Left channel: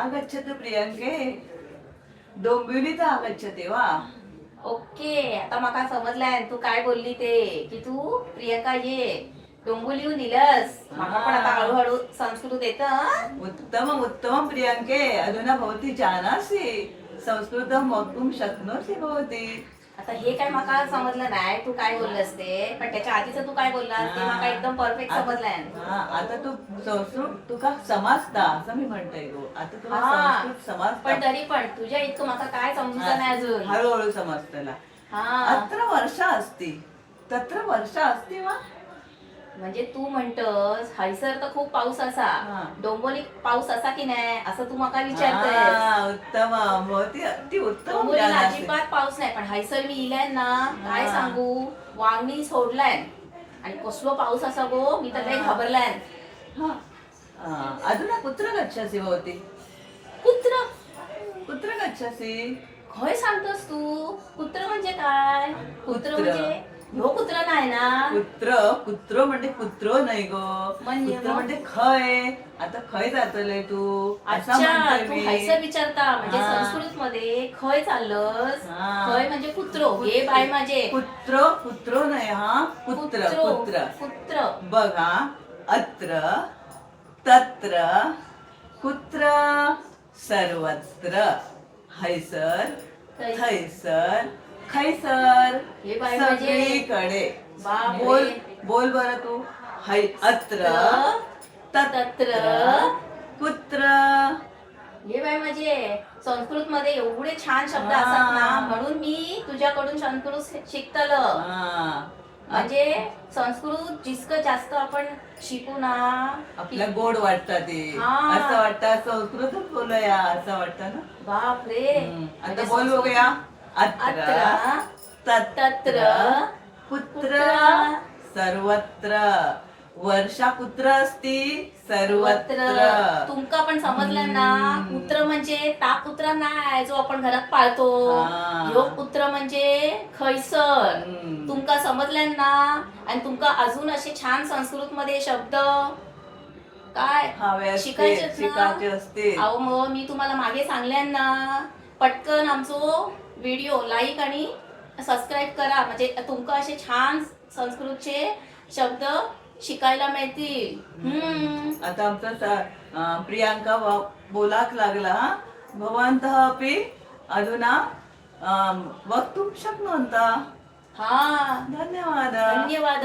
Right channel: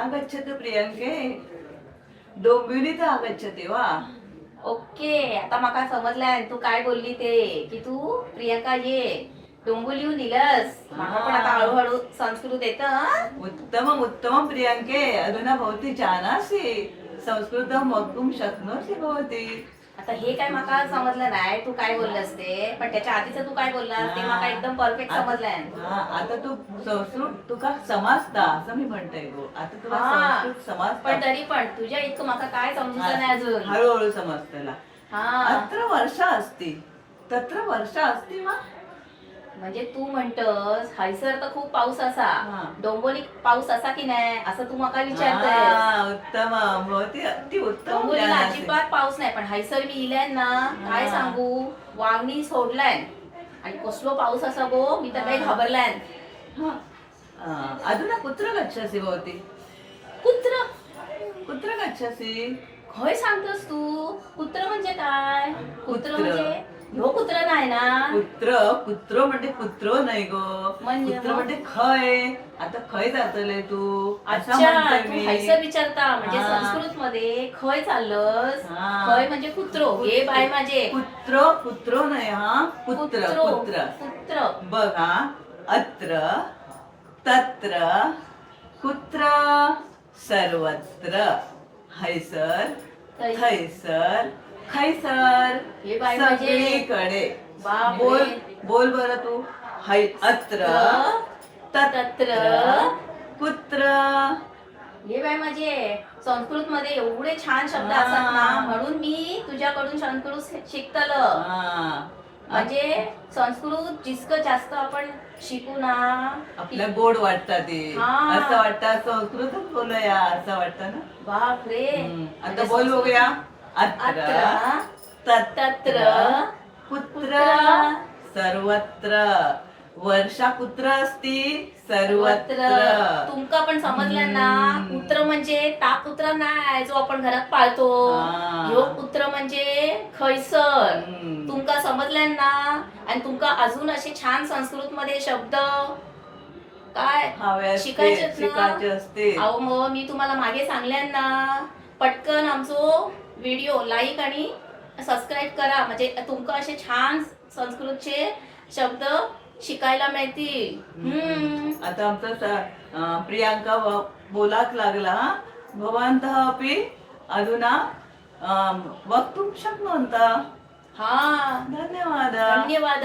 आगच्छतु प्रियंके डोंबिवलीत आगच्छते वा. ओके, आता माका समजलाय तू काय बोलली ते की तू प्रियंका ये डोंबिवलीहून इलस. माका पण आता हळूहळू संस्कृत येतं. उत्तमम् उत्तमं प्रियंके अधुना भवती जानासि संस्कृतं वक्तुं शक्नोषि भवती. आता हे काय माका समजलं नाही तू काय बोललास ते, पण त्याच्या आधीच तू काय बोललास ते माका एकदम परफेक्ट समजलंय. आता तू संस्कृत तुका समजता असं मी म्हणते गो. आता तुला संस्कृत समजता, पण तरी पण तुझ्या इतकं माका काय समजलं नाही अजून. हळूहळू समजतला. हा, अत्र वर्षा अस्ति तत्र वर्षा अस्ति वा. म्हणजे तू म्हणतस हैसर तर खूप पाऊस असा, डोंबिवलीत पाऊस असा की नाही असं तू माका विचारतोस. उत्तम भवती अति उत्तम. डोंबिवलीला अजिबात पाऊस नाही, पण हैसर मी इलाय ना काय सांगू, वावणी सोडलाय आणि कसलो पाऊस असा गो, मी तर काही घाबरलाय. अधुना कुत्र गच्छसि भवती. कुत्र कुत्र गच्छसि. खय सांगतोस तू. कुत्र म्हणजे काय. कुत्र म्हणजे ह्यो कुत्र नाही ना. कुत्र म्हणजे कुत्रो नाही गो. कुत्र म्हणजे खय. आता खय जातले तू. अच्छा, तू हैसर विचारता म्हणजे संस्कृत मध्ये खय चाललंस. खय म्हणजे कुत्रो. हे बाय माझे कुत्रो नाही. हा कुत्र कुत्र कुत्र. बघा, अत्र तत्र कुत्र सर्वत्र हैसर थैसर खैसर हे बाय म्हणजे सगळीकडे. बोल बर तू. अत्र तत्र कुत्र. हे बाय म्हणजे संस्कृत मध्ये एवढे छान शब्द असतात ना, म्हणून मी तुझ्याकडून संस्कृत शिकतलं. म्हणजे संस्कृत जितकं जास्त आपण शिकू ना आपल्या गोड वाटतं ते. असं वाटतं संस्कृतच बोलूया असं वाटतं ना. बाप रे. आता बोल बघूया. अत्र तत्र कुत्र सर्वत्र. वर्षा कुत्र असती सर्वत्र. तुमका पण समजलं ना. कुत्र म्हणजे ता कुत्र नाही जो आपण घरात पाळतो. ह्यो कुत्र म्हणजे खैसर. तुमका समजलं ना. आणि तुमका अजून असे छान संस्कृत मध्ये शब्द काय शिकायचे असते. अहो मग मी तुम्हाला मागे सांगल्या ना, पटकन आमचो व्हिडिओ लाईक आणि सबस्क्राईब करा, म्हणजे तुमका असे छान संस्कृतचे शब्द शिकायला मिळतील. आता आमचा प्रियांका बोलाक लागला. भवन्तः अपि अधुना वक्तुं शक्नुवन्तः. हा, धन्यवाद. धन्यवाद.